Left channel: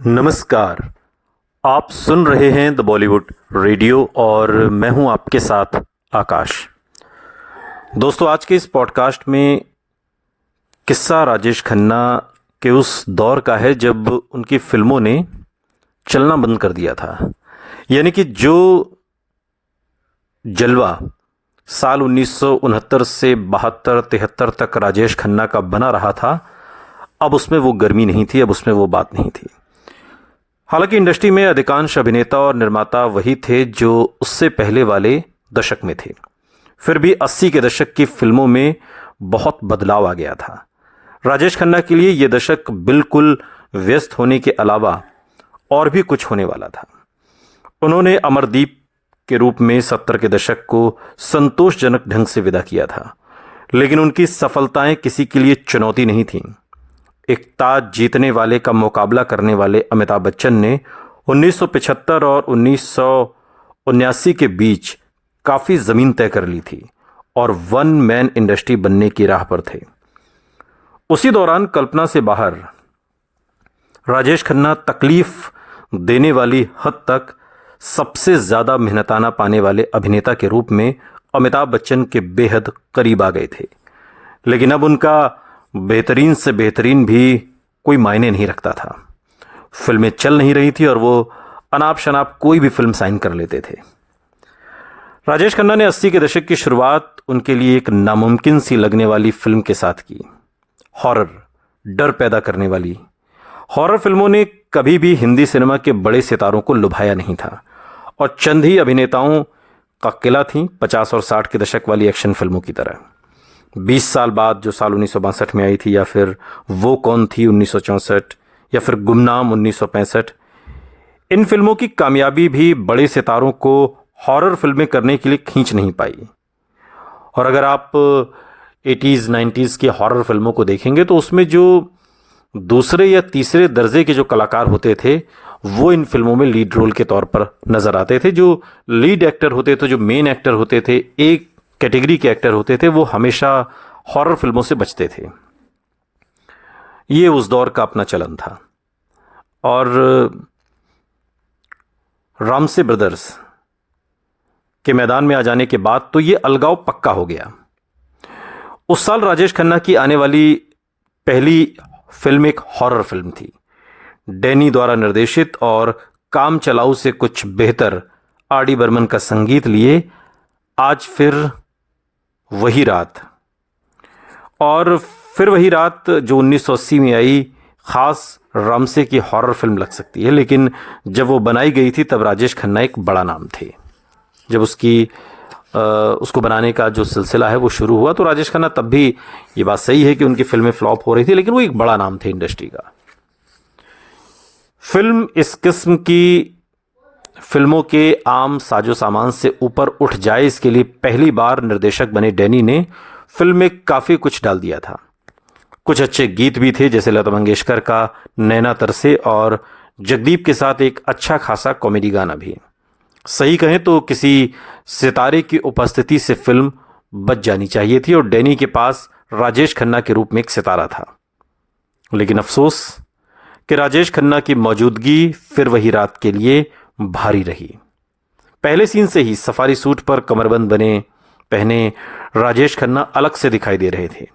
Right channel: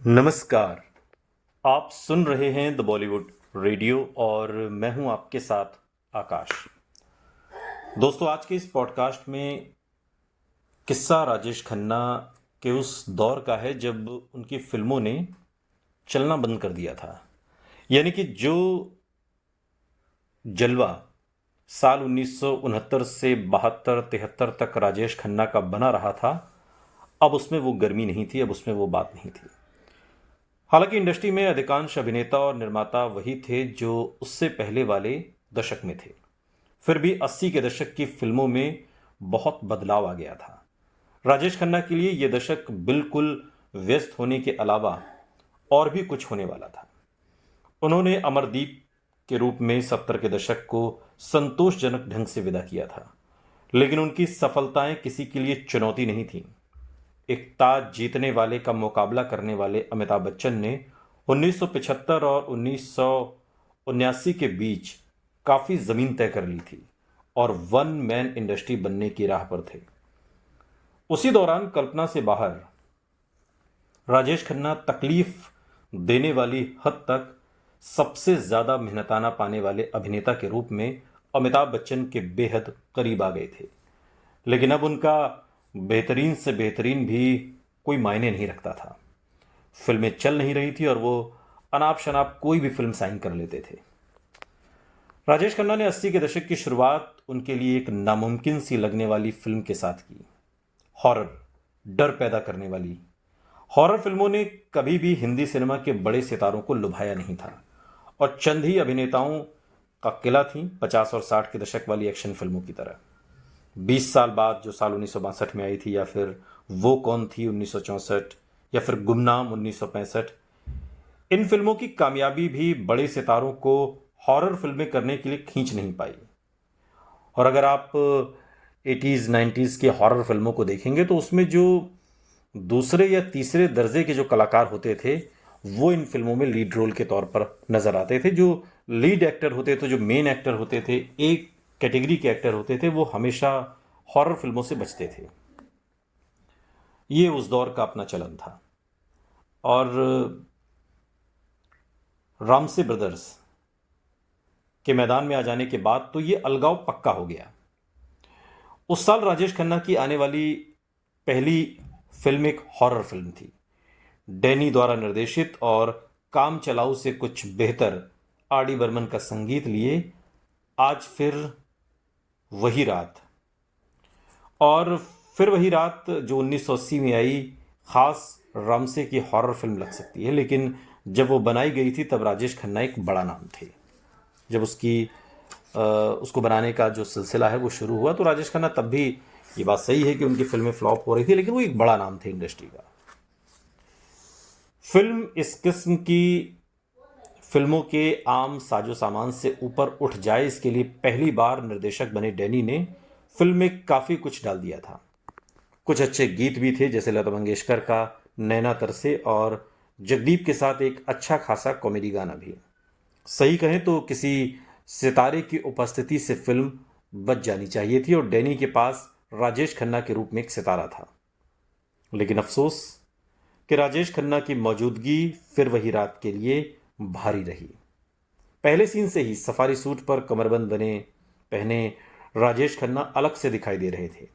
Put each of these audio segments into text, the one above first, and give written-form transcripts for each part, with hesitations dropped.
नमस्कार। आप सुन रहे हैं द बॉलीवुड रेडियो और मैं हूं आपके साथ आकाश। दोस्तों, आज के इस पॉडकास्ट में किस्सा राजेश खन्ना के उस दौर का है जब उनकी फिल्मों ने चलना बंद कर दिया था। यानी कि जो जलवा साल 1969 से 72-73 तक राजेश खन्ना का बना रहा था, अब उसमें वो गर्मी नहीं थी, अब उसमें वो बात नहीं थी। हालांकि इंडस्ट्री में अधिकांश अभिनेता और निर्माता वही थे जो उससे पहले वाले दशक में थे। फिर भी 80 के दशक की फिल्मों में बहुत बदलाव आ गया था। राजेश खन्ना के लिए यह दशक बिल्कुल व्यस्त होने के अलावा और भी कुछ होने वाला था। उन्होंने अमरदीप के रूप में 70 के दशक को संतोषजनक ढंग से विदा किया था, लेकिन उनकी सफलताएं किसी के लिए चुनौती नहीं थीं। एक ताज जीतने वाले का मुकाबला करने वाले अमिताभ बच्चन ने 1975 और 1979 के बीच काफी जमीन तय कर ली थी और वन मैन इंडस्ट्री बनने की राह पर थे। उसी दौरान कल्पना से बाहर राजेश खन्ना तकलीफ देने वाली हद तक सबसे ज्यादा मेहनताना पाने वाले अभिनेता के रूप में अमिताभ बच्चन के बेहद करीब आ गए थे। लेकिन अब उनका बेहतरीन से बेहतरीन भी कोई मायने नहीं रखता था। फिल्में चल नहीं रही थी और वो अनाप शनाप कोई भी फिल्म साइन कर लेते थे। राजेश खन्ना ने 80 के दशक की शुरुआत उनके लिए एक नामुमकिन सी लगने वाली फिल्म के साथ की। हॉरर, डर पैदा करने वाली हॉरर फिल्मों ने कभी भी हिंदी सिनेमा के बड़े सितारों को लुभाया नहीं था और चंद ही अभिनेताओं का किला थी 50 और 60 के दशक वाली एक्शन फिल्मों की तरह। 20 साल बाद जो साल 1962 में आई थी, या फिर वो कौन थी 1964, या फिर गुमनाम 1965, इन फिल्मों की कामयाबी भी बड़े सितारों को हॉरर फिल्में करने के लिए खींच नहीं पाई। और अगर आप 80s 90s की हॉरर फिल्मों को देखेंगे तो उसमें जो दूसरे या तीसरे दर्जे के जो कलाकार होते थे वो इन फिल्मों में लीड रोल के तौर पर नजर आते थे। जो लीड एक्टर होते थे, जो मेन एक्टर होते थे, एक कैटेगरी के एक्टर होते थे, वो हमेशा हॉरर फिल्मों से बचते थे। ये उस दौर का अपना चलन था। और रामसे ब्रदर्स के मैदान में आ जाने के बाद तो ये अलगाव पक्का हो गया। उस साल राजेश खन्ना की आने वाली पहली फिल्म एक हॉरर फिल्म थी। डैनी द्वारा निर्देशित और काम चलाऊ से कुछ बेहतर आर डी बर्मन का संगीत लिए आज फिर वही रात। और फिर वही रात जो 1980 में आई, खास रामसे की हॉरर फिल्म लग सकती है, लेकिन जब वो बनाई गई थी तब राजेश खन्ना एक बड़ा नाम थे। जब उसको बनाने का जो सिलसिला है वो शुरू हुआ तो राजेश खन्ना, तब भी ये बात सही है कि उनकी फिल्में फ्लॉप हो रही थी, लेकिन वो एक बड़ा नाम थे इंडस्ट्री का। फिल्म इस किस्म की फिल्मों के आम साजो सामान से ऊपर उठ जाए, इसके लिए पहली बार निर्देशक बने डैनी ने फिल्म में काफी कुछ डाल दिया था। कुछ अच्छे गीत भी थे, जैसे लता मंगेशकर का नैना तरसे, और जगदीप के साथ एक अच्छा खासा कॉमेडी गाना भी। सही कहें तो किसी सितारे की उपस्थिति से फिल्म बच जानी चाहिए थी और डैनी के पास राजेश खन्ना के रूप में एक सितारा था। लेकिन अफसोस कि राजेश खन्ना की मौजूदगी फिर वही रात के लिए भारी रही। पहले सीन से ही सफारी सूट पर कमरबंद पहने राजेश खन्ना अलग से दिखाई दे रहे थे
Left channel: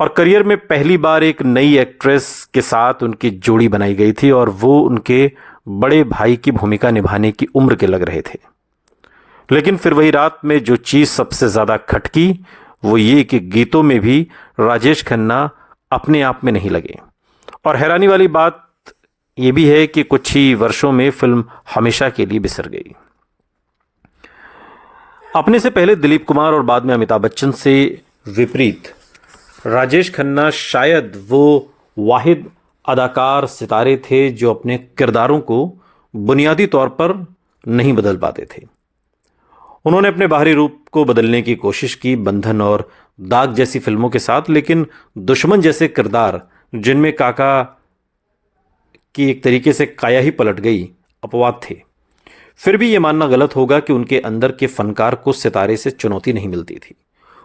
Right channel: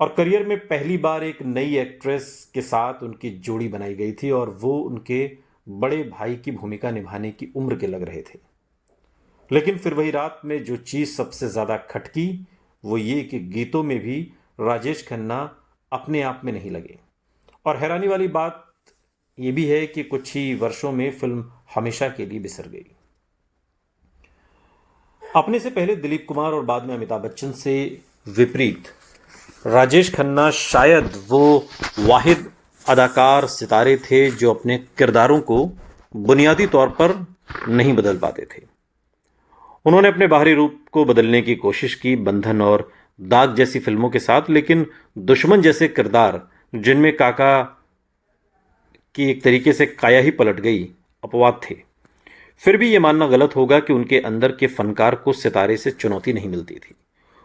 और करियर में पहली बार एक नई एक्ट्रेस के साथ उनकी जोड़ी बनाई गई थी और वो उनके बड़े भाई की भूमिका निभाने की उम्र के लग रहे थे। लेकिन फिर वही रात में जो चीज सबसे ज्यादा खटकी वो ये कि गीतों में भी राजेश खन्ना अपने आप में नहीं लगे। और हैरानी वाली बात यह भी है कि कुछ ही वर्षों में फिल्म हमेशा के लिए बिसर गई। अपने से पहले दिलीप कुमार और बाद में अमिताभ बच्चन से विपरीत राजेश खन्ना शायद वो वाहिद अदाकार सितारे थे जो अपने किरदारों को बुनियादी तौर पर नहीं बदल पाते थे। उन्होंने अपने बाहरी रूप को बदलने की कोशिश की, बंधन और दाग जैसी फिल्मों के साथ, लेकिन दुश्मन जैसे किरदार जिनमें काका की एक तरीके से काया ही पलट गई, अपवाद थे। फिर भी यह मानना गलत होगा कि उनके अंदर के फनकार को सितारे से चुनौती नहीं मिलती थी।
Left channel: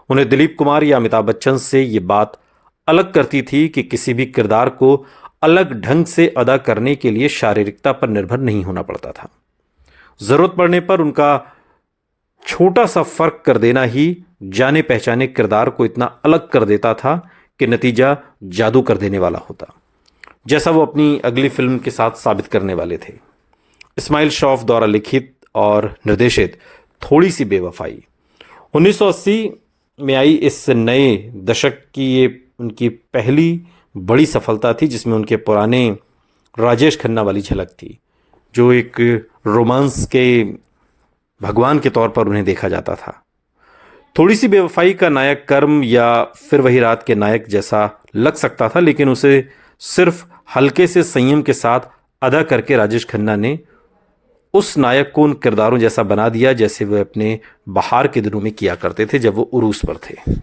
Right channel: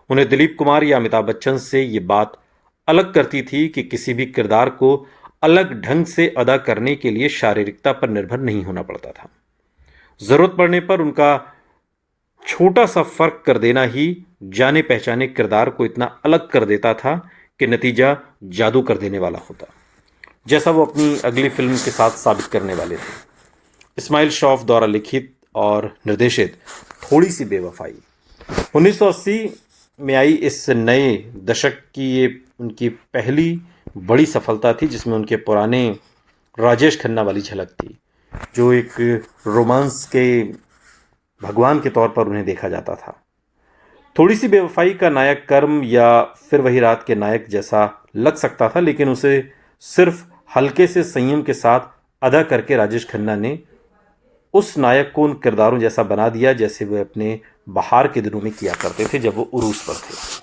उन्हें दिलीप कुमार या अमिताभ बच्चन से यह बात अलग करती थी कि किसी भी किरदार को अलग ढंग से अदा करने के लिए शारीरिकता पर निर्भर नहीं होना पड़ता था। जरूरत पड़ने पर उनका छोटा सा फर्क कर देना ही जाने पहचाने किरदार को इतना अलग कर देता था कि नतीजा जादू कर देने वाला होता, जैसा वो अपनी अगली फिल्म के साथ साबित करने वाले थे। इस्माइल शौफ द्वारा लिखित और निर्देशित थोड़ी सी बेवफाई 1980 में आई इस नए दशक की ये उनकी पहली बड़ी सफलता थी, जिसमें उनके पुराने राजेश खन्ना वाली झलक थी, जो एक रोमांस के भगवान के तौर पर उन्हें देखा जाता था। थोड़ी सी बेवफाई का नायक कर्म या फिर वही रात के नायक जैसा लग सकता था, लेकिन उसे सिर्फ हल्के से संयम के साथ अदा करके राजेश खन्ना ने उस नायक को उन किरदारों जैसा बना दिया जैसे वे अपने बहार के दिनों में किया करते थे जब वो उरूस पर थे।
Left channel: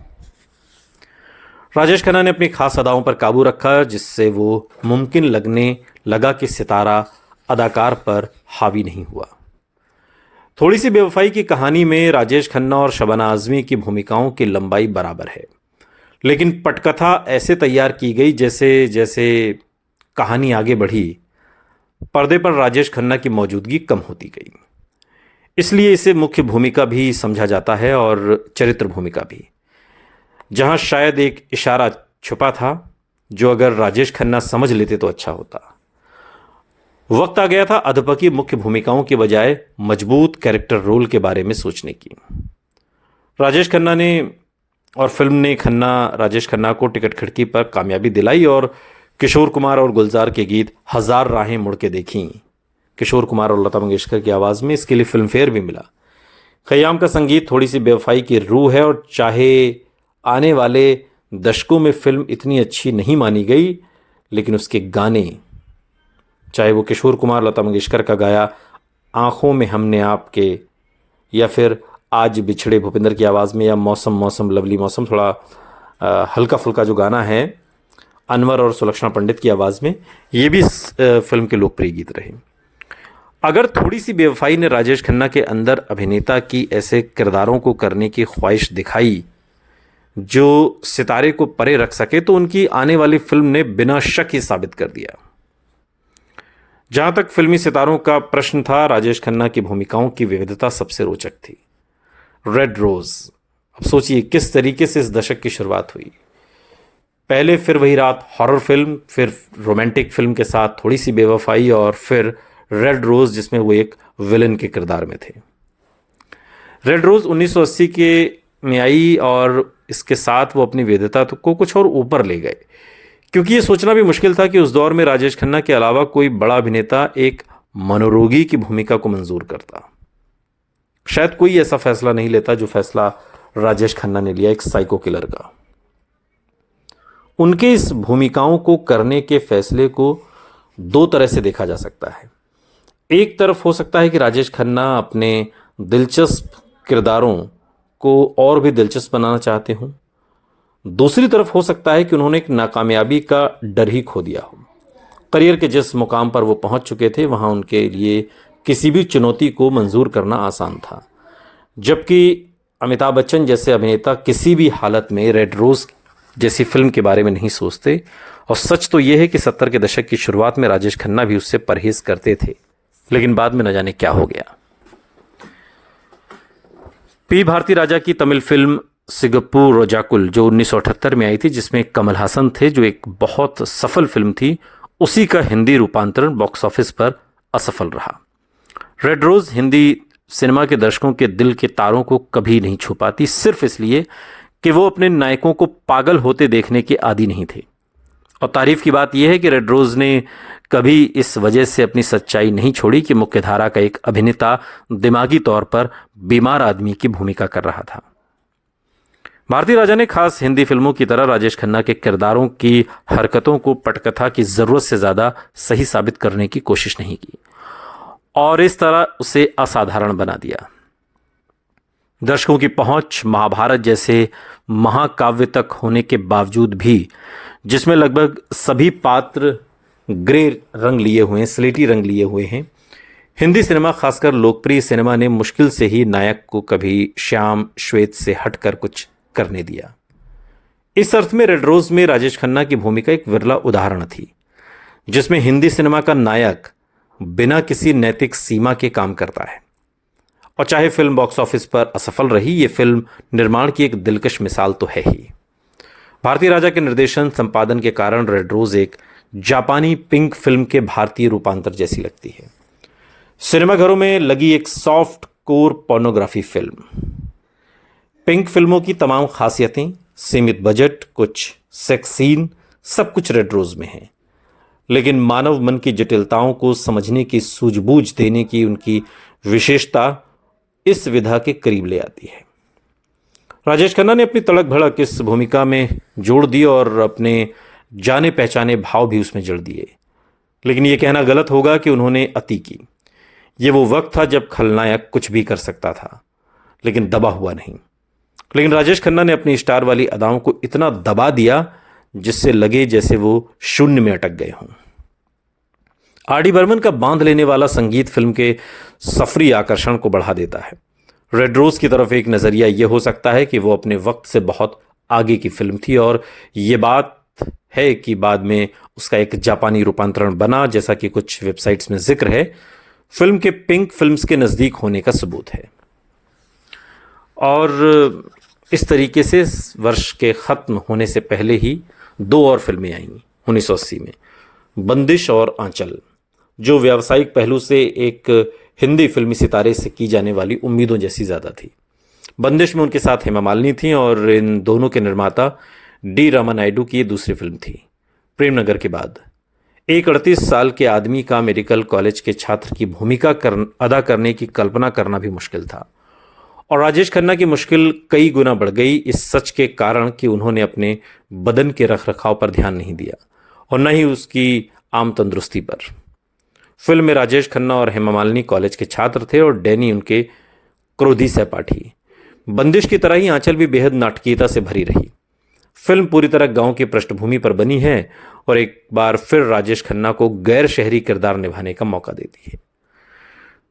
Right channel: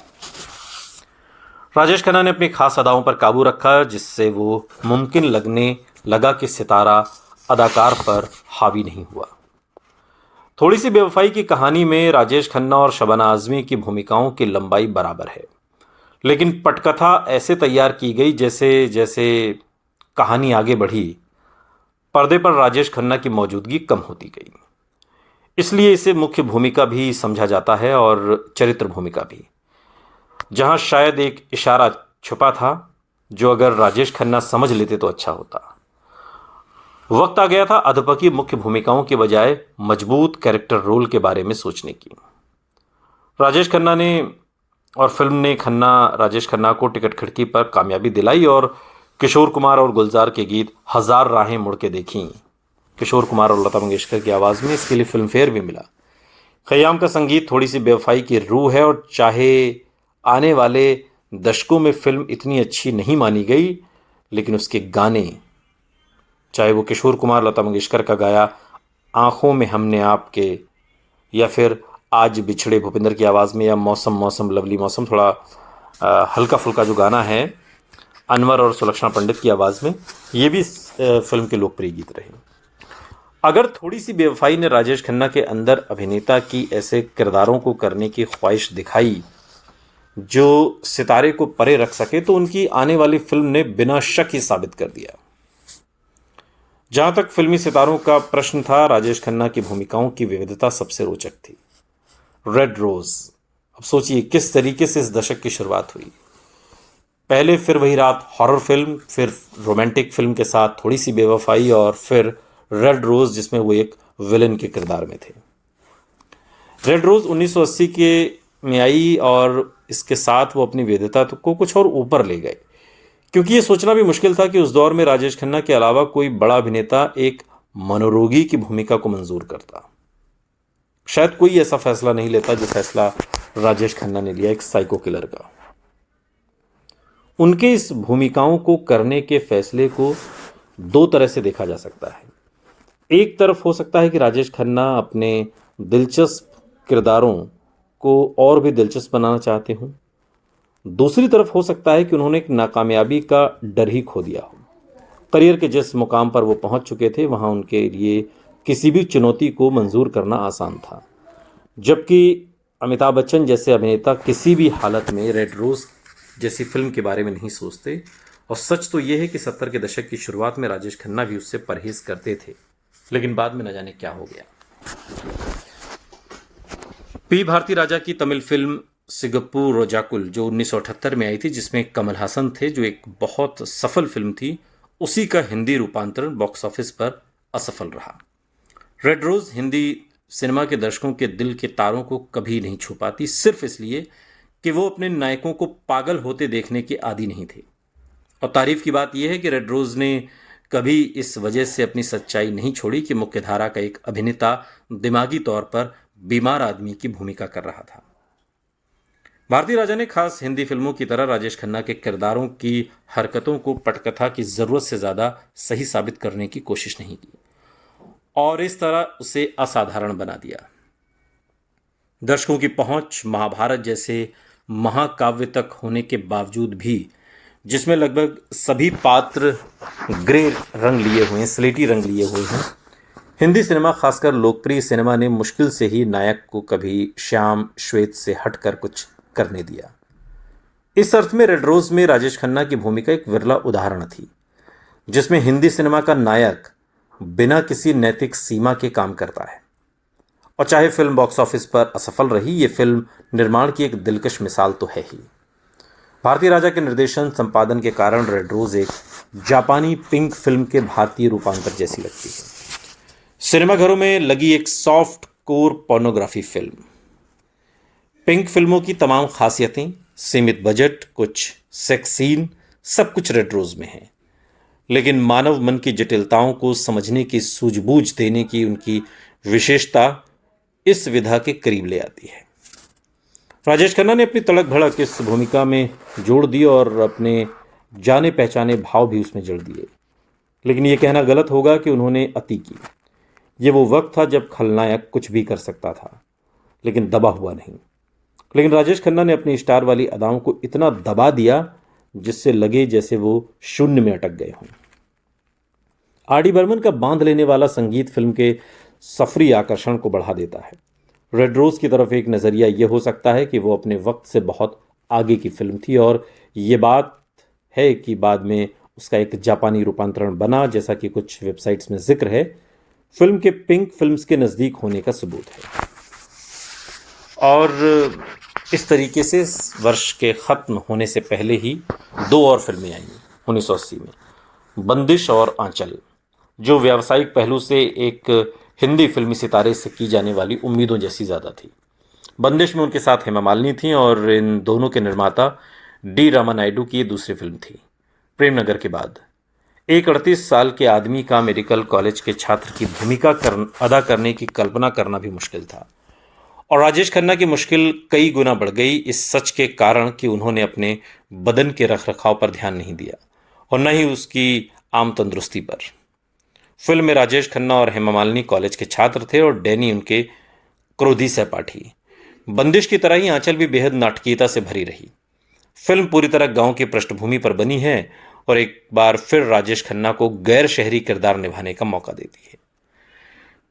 राजेश खन्ना ने अपनी खास अदाओं पर काबू रखा, जिससे वो मुमकिन लगने लगा कि सितारा अदाकार पर हावी नहीं हुआ। थोड़ी सी बेवफाई की कहानी में राजेश खन्ना और शबाना आजमी की भूमिकाओं की लंबाई बराबर है, लेकिन पटकथा ऐसे तैयार की गई जैसे जैसे कहानी आगे बढ़ी पर्दे पर राजेश खन्ना की मौजूदगी कम होती गई। इसलिए इसे मुख्य भूमिका भी समझा जाता है और चरित्र भूमिका भी, जहां शायद एक इशारा छुपा था जो अगर राजेश खन्ना समझ लेते तो अच्छा होता। वक्त आ गया था अधपकी मुख्य भूमिकाओं के बजाय मजबूत कैरेक्टर रोल के बारे में सोचने की। राजेश खन्ना ने और फिल्म ने राजेश खन्ना को टिकट खिड़की पर कामयाबी दिलाई और किशोर कुमार और गुलजार के गीत हजार राहें मुड़ के देखी, किशोर कुमार और लता मंगेशकर की आवाज में, इसके लिए फिल्म फेयर भी मिला। खयाम का संगीत थोड़ी सी बेवफाई की रूह है और चाहे आने वाले दशकों में फिल्म इतनी अच्छी नहीं मानी गई, लेकिन उसके गाने, चाहे वो किशोर कुमार लता मंगेशकर का गाया आंखों में हमने आपके, या फिर आज बिछड़े भूपिंदर की आवाज़ में, या मौसम मौसम लवली मौसम थोड़ा हल्का फुल्का जो गाना है अनवर और सुलक्षणा पंडित की आवाज़ में, ये भी फिल्म के लोकप्रिय गीत रहे। अगर थोड़ी सी बेवफाई ने राजेश खन्ना के अंदर अभिनेता की ऐसे किरदारों को करने की ख्वाहिश दिखाई जो सितारे को परे रख सके, तो उनकी आने वाली फिल्म ने बिना शक ही साबित कर दिया। जहां तक फिल्मी सितारों का प्रश्न था, राजेश खन्ना की भूमिकाओं की विविधता सबसे रोचक थी। रेड रोज, अब सोचिए किस तरीके से इस दशक की शुरुआत हुई। पहले फिर वही रात हॉरर फिल्म, फिर रोमांटिक फिल्म के साथ थोड़ी सी बेवफाई, और फिर रेड रोज जिसमें वो एक विलन के किरदार में थे। रेड रोज 1980 के में आई और इसके साथ वो अपनी विविधता को कुछ और ऊपर ले गए, क्योंकि ये सोचना भी मुश्किल था कि उस दौर में राजेश खन्ना के अलावा कोई बड़ा अभिनेता एक मनोरोगी की भूमिका को मंजूर करता। शायद कोई ऐसा फैसला नहीं लेता जो फैसला राजेश खन्ना ने लिया, एक साइको किलर का। उनके इस भूमिकाओं को करने के फैसले को दो तरह से देखा जा सकता है। एक तरफ हो सकता है कि राजेश खन्ना अपने दिलचस्प किरदारों को और भी दिलचस्प बनाना चाहते हों। दूसरी तरफ हो सकता है कि उन्होंने एक नाकामयाबी का डर ही खो दिया हो। करियर के जिस मुकाम पर वो पहुंच चुके थे, वहां उनके लिए किसी भी चुनौती को मंजूर करना आसान था, जबकि अमिताभ बच्चन जैसे अभिनेता किसी भी हालत में रेड रोज जैसी फिल्म के बारे में नहीं सोचते। और सच तो यह है कि 70 के दशक की शुरुआत में राजेश खन्ना भी उससे परहेज करते थे, लेकिन बाद में न जाने क्या हो गया। पी भारती राजा की तमिल फिल्म सिगप्पू रोजाकुल जो 1978 में आई थी, जिसमें कमल हासन थे, जो एक बहुत सफल फिल्म थी, उसी का हिंदी रूपांतरण बॉक्स ऑफिस पर असफल रहा। रेड रोज हिंदी सिनेमा के दर्शकों के दिल के तारों को कभी नहीं छू पाती, सिर्फ इसलिए कि वो अपने नायकों को पागल होते देखने के आदी नहीं थे। और तारीफ की बात यह है कि रेड रोज ने कभी इस वजह से अपनी सच्चाई नहीं छोड़ी कि मुख्यधारा का एक अभिनेता दिमागी तौर पर बीमार आदमी की भूमिका कर रहा था। भारती राजा ने खास हिंदी फिल्मों की तरह राजेश खन्ना के किरदारों की हरकतों को पटकथा की जरूरत से ज्यादा सही साबित करने की कोशिश नहीं की और इस तरह उसे असाधारण बना दिया। दर्शकों की पहुंच महाभारत जैसे महाकाव्य तक होने के बावजूद भी, जिसमें लगभग सभी पात्र ग्रे रंग लिए हुए हैं, स्लेटी रंग लिए हुए हैं, हिंदी सिनेमा खासकर लोकप्रिय सिनेमा ने मुश्किल से ही नायक को कभी श्याम श्वेत से हटकर कुछ करने दिया। इस अर्थ में रेड रोज में राजेश खन्ना की भूमिका एक विरला उदाहरण थी, जिसमें हिंदी सिनेमा का नायक बिना किसी नैतिक सीमा के काम करता है। और चाहे फिल्म बॉक्स ऑफिस पर असफल रही, ये फिल्म निर्माण की एक दिलकश मिसाल तो है ही। भारतीय राजा के निर्देशन संपादन के कारण रेड रोज एक जापानी पिंक फिल्म के भारतीय रूपांतर जैसी लगती है। सिनेमाघरों में लगी एक soft core pornography film. Pink फिल्मों की तमाम खासियतें, सीमित बजट, कुछ सेक्स सीन, सब कुछ रेड रोज में है। लेकिन मानव मन की जटिलताओं को समझने की सूझबूझ देने की उनकी विशेषता इस विधा के करीब ले आती है। राजेश खन्ना ने अपनी तड़क भड़क इस भूमिका में जोड़ दी और अपने जाने पहचाने भाव भी उसमें जड़ दिए। लेकिन यह कहना गलत होगा कि उन्होंने अति की। यह वो वक्त था जब खलनायक कुछ भी कर सकता था, लेकिन दबा हुआ नहीं। लेकिन राजेश खन्ना ने अपनी स्टार वाली अदाओं को इतना दबा दिया जिससे लगे जैसे वो शून्य में अटक गए हों। आर.डी. बर्मन का बांध लेने वाला संगीत फिल्म के सफरी आकर्षण को बढ़ा देता है। रेड रोज की तरफ एक नजरिया यह हो सकता है कि वो अपने वक्त से बहुत आगे की फिल्म थी, और ये बात है कि बाद में उसका एक जापानी रूपांतरण बना, जैसा कि कुछ वेबसाइट्स में जिक्र है, फिल्म के पिंक फिल्म्स के नजदीक होने का सबूत है। और इस तरीके से वर्ष के खत्म होने से पहले ही दो और फिल्में आईं 1980 में, बंदिश और आंचल, जो व्यावसायिक पहलू से एक हिंदी फिल्मी सितारे से की जाने वाली उम्मीदों जैसी ज़्यादा थी। बंदिश में उनके साथ हेमा मालिनी थी और इन दोनों के निर्माता डी रामानायडू की दूसरी फिल्म थी। प्रेम नगर के बाद एक 38 साल के आदमी का मेडिकल कॉलेज के छात्र की भूमिका अदा करने की कल्पना करना भी मुश्किल था, और राजेश खन्ना की मुश्किल कई गुना बढ़ गई इस सच के कारण कि उन्होंने अपने बदन के रखरखाव पर ध्यान नहीं दिया और न ही उसकी आम तंदुरुस्ती पर। फिल्म में राजेश खन्ना और हेमा मालिनी कॉलेज के छात्र थे और डैनी उनके क्रोधी सहपाठी। बंदिश की तरह ही आंचल भी बेहद नाटकीयता से भरी रही। फिल्म पूरी तरह गांव की पृष्ठभूमि पर बनी है और एक बार फिर राजेश खन्ना को गैर शहरी किरदार निभाने का मौका देती है।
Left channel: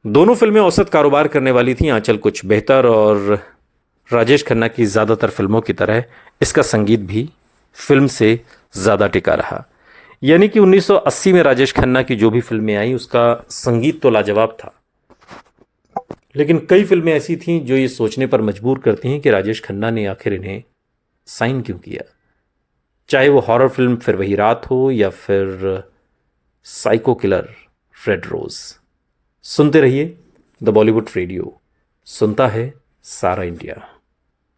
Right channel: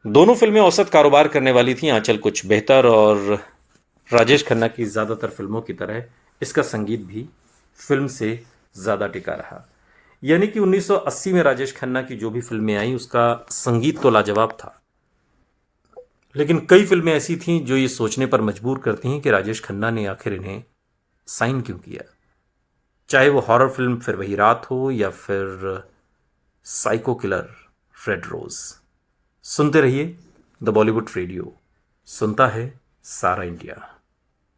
दोनों फिल्में औसत कारोबार करने वाली थी। आंचल कुछ बेहतर, और राजेश खन्ना की ज़्यादातर फिल्मों की तरह इसका संगीत भी फिल्म से ज़्यादा टिका रहा। यानी कि 1980 में राजेश खन्ना की जो भी फिल्में आई उसका संगीत तो लाजवाब था, लेकिन कई फिल्में ऐसी थीं जो ये सोचने पर मजबूर करती हैं कि राजेश खन्ना ने आखिर इन्हें साइन क्यों किया। चाहे वो हॉरर फिल्म फिर वही रात हो या फिर साइको किलर रेड रोज। सुनते रहिए द बॉलीवुड रेडियो, सुनता है सारा इंडिया।